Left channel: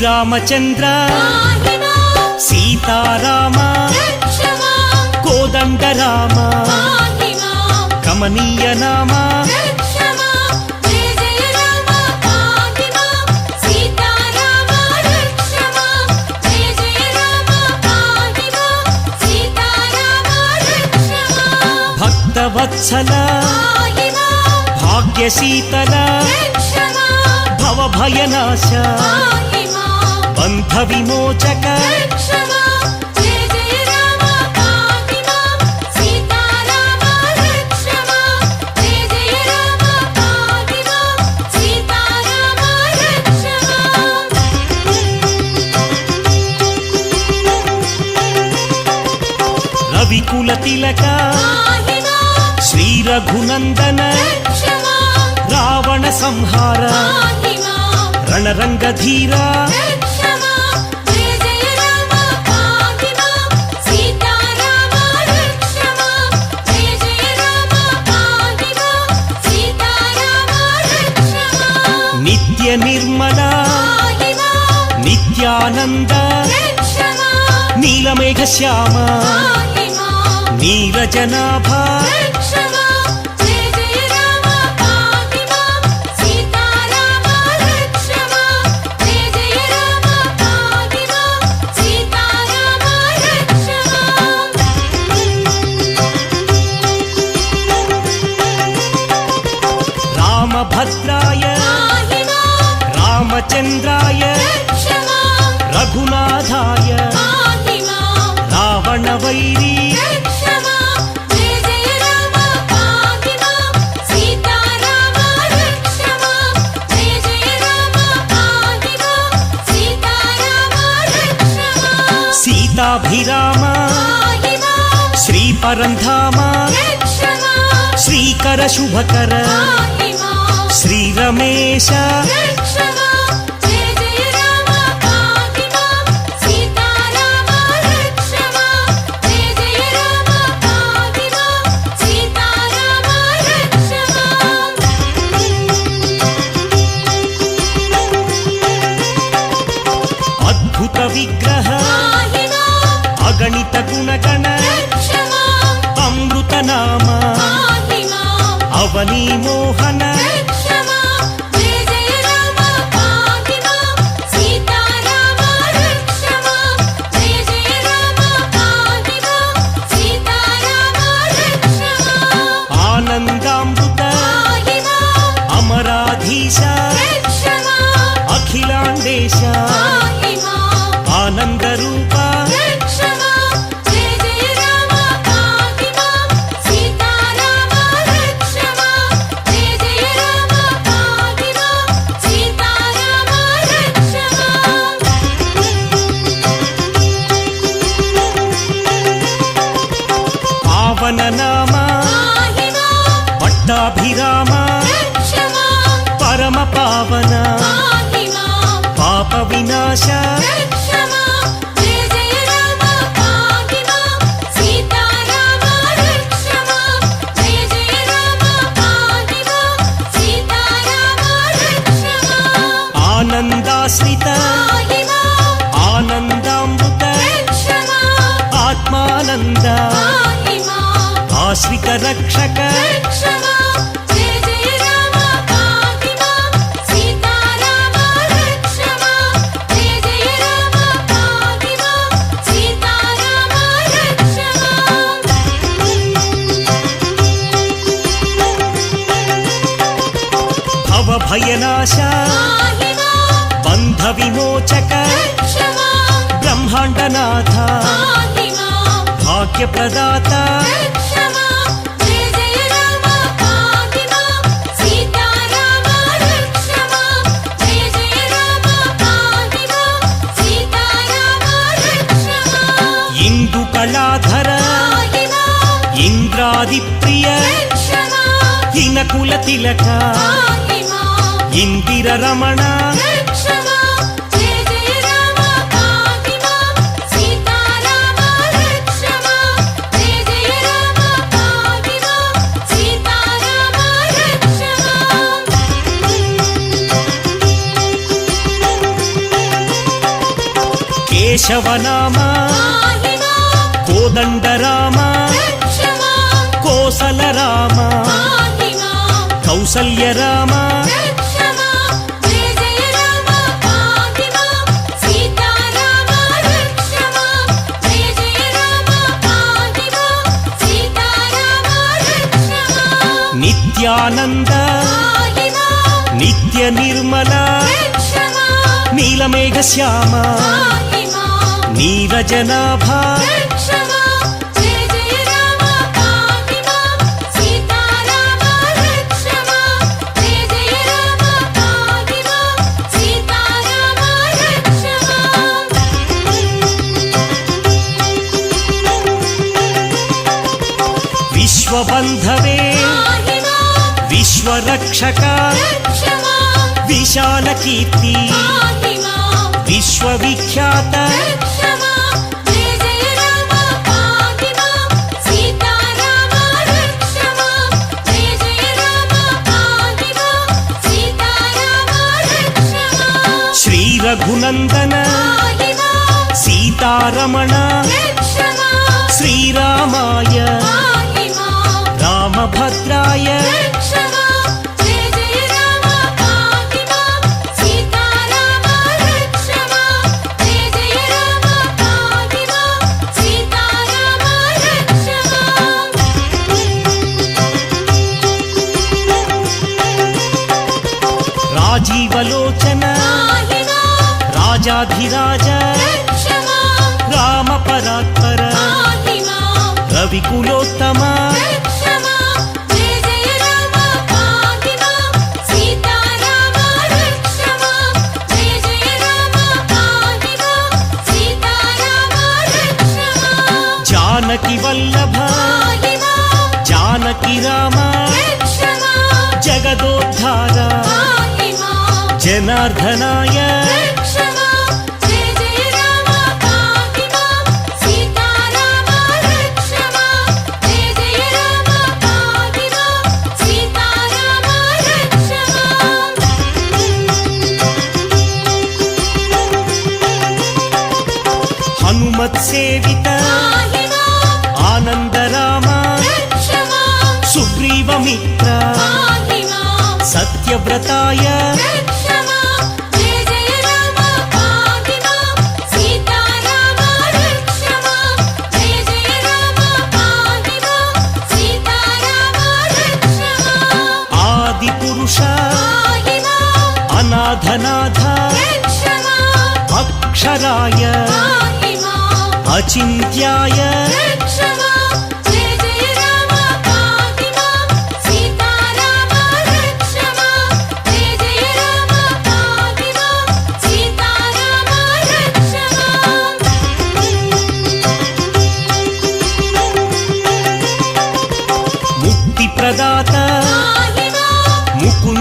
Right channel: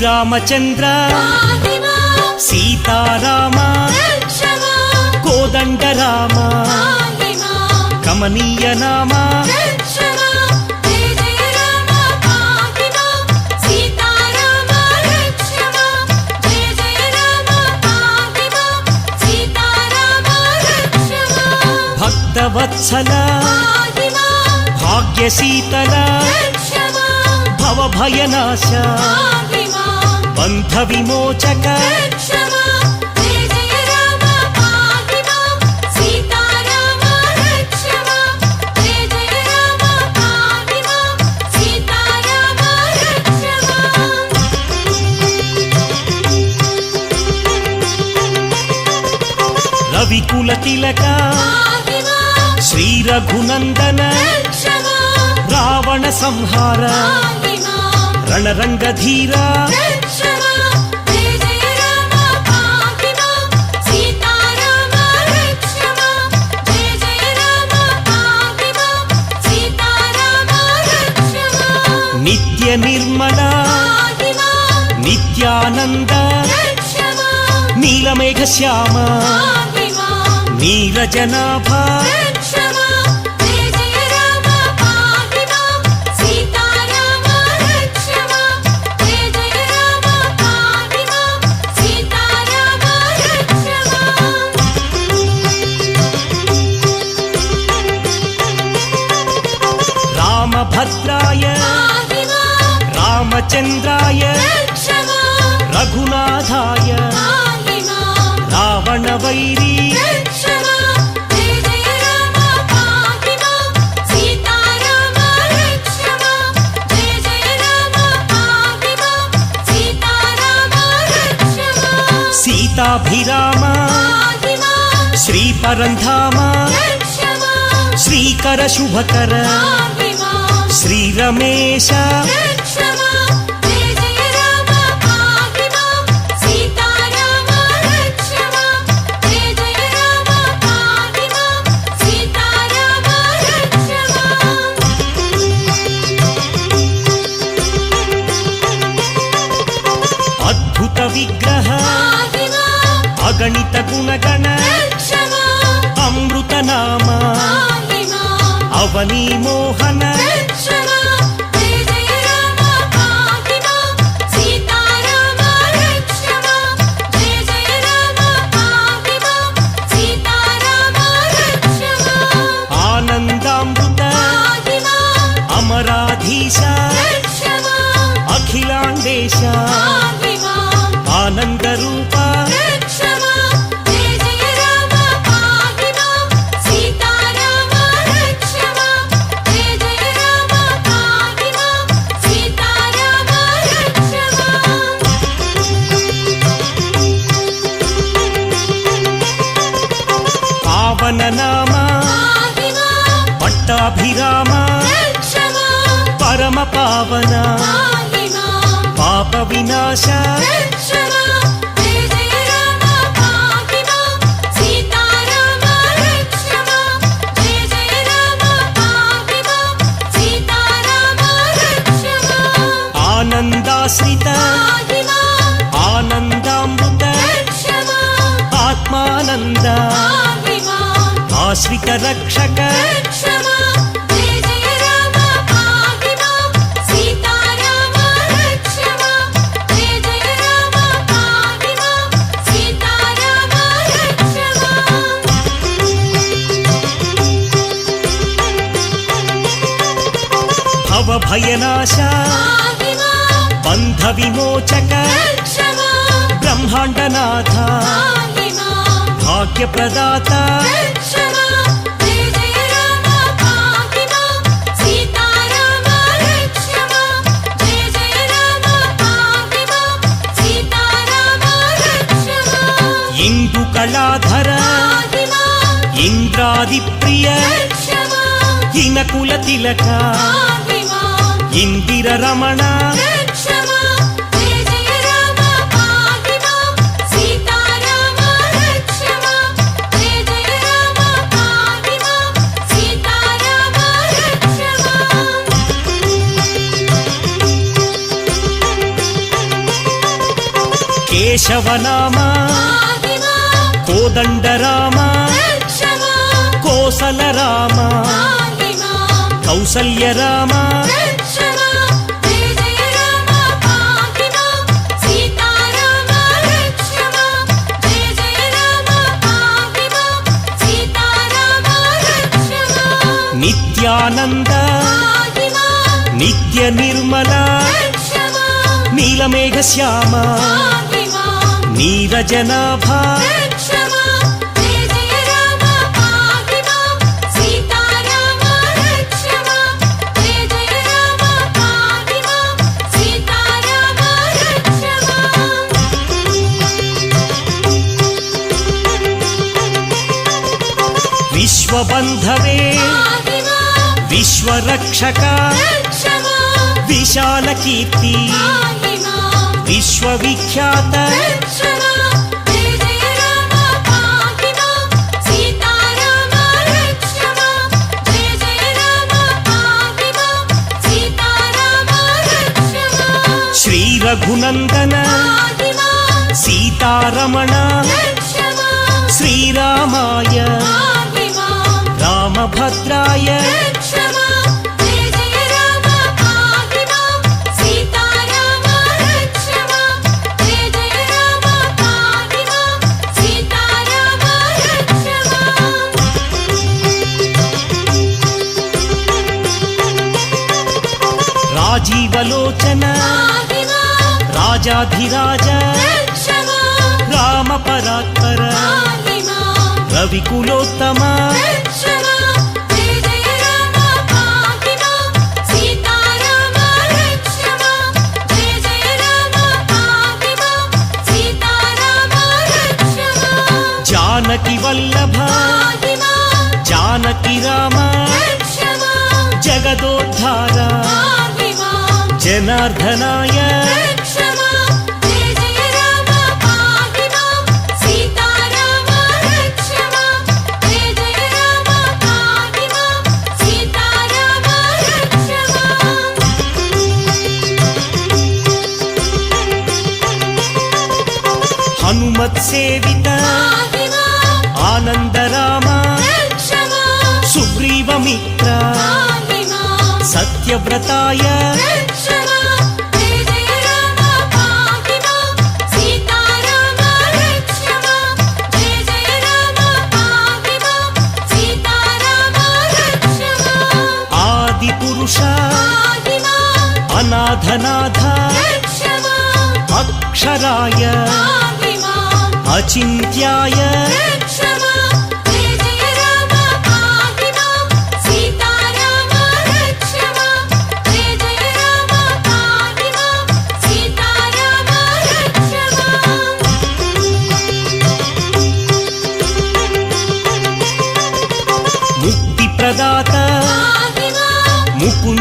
శ్రీరామచంద్ర సీతారామ కోదండరామ కమనీయ నామ భక్తవత్సల భాగ్యశీతల భవభయనాశ బంధ విమోచక రవికుల తిలక శ్రీ రఘునందన రావణ సంహార రణరంగధీర నిత్య నిర్మల నిత్యానంద నీలమేఘ శ్యామ నీరజనాభ రామభద్రాయ రామచంద్రాయ రఘునాథాయ రావణవైరీ సీతాభిరామ శ్రీపరంధామ శ్రీకర శుభకర శ్రీరమేశ అద్భుత విగ్రహ అగణిత గుణగణ అమృత నామ అవనీ మోహన ఆనందామృత అమరాధీశ అఖిలాండేశ ఆనందరూప పావన నామ పట్టాభిరామ పరమ పావన పాప వినాశ ఆనందాశ్రిత ఆనందామృత ఆత్మానంద ఆశ్రిత రక్షక భవభయనాశ బంధ విమోచక బ్రహ్మాండనాథ భాగ్యప్రదాత ఇందు కళాధర ఇంద్రాదిప్రియ ఇనకుల తిలక ఇందిర రమణ కేశవనామ కోదండరామ కోసలరామ కౌసల్యరామ నిత్యానంద నిత్య నిర్మల నీలమేఘ శ్యామ నీరజనాభ విశ్వబంధవే విశ్వరక్షక విశాల కీర్తి విశ్వవిఖ్యాత శ్రీ రఘునందన సీతారమణ శ్రీరామాయ రామభద్రాయ రాజీవలోచన రాజాధిరాజ రామ పరాత్పర రవికులోత్తమ జానకి వల్లభ జానకి రామ జగదోద్ధార జనార్దనాయ హనుమత్ సేవిత ఆనందరామ సుగ్రీవమిత్ర సత్యవ్రతాయ ఆది పురుష అనాథనాథ అక్షరాయ అచింత్యాయ ముక్తి ప్రదాత ముకుంద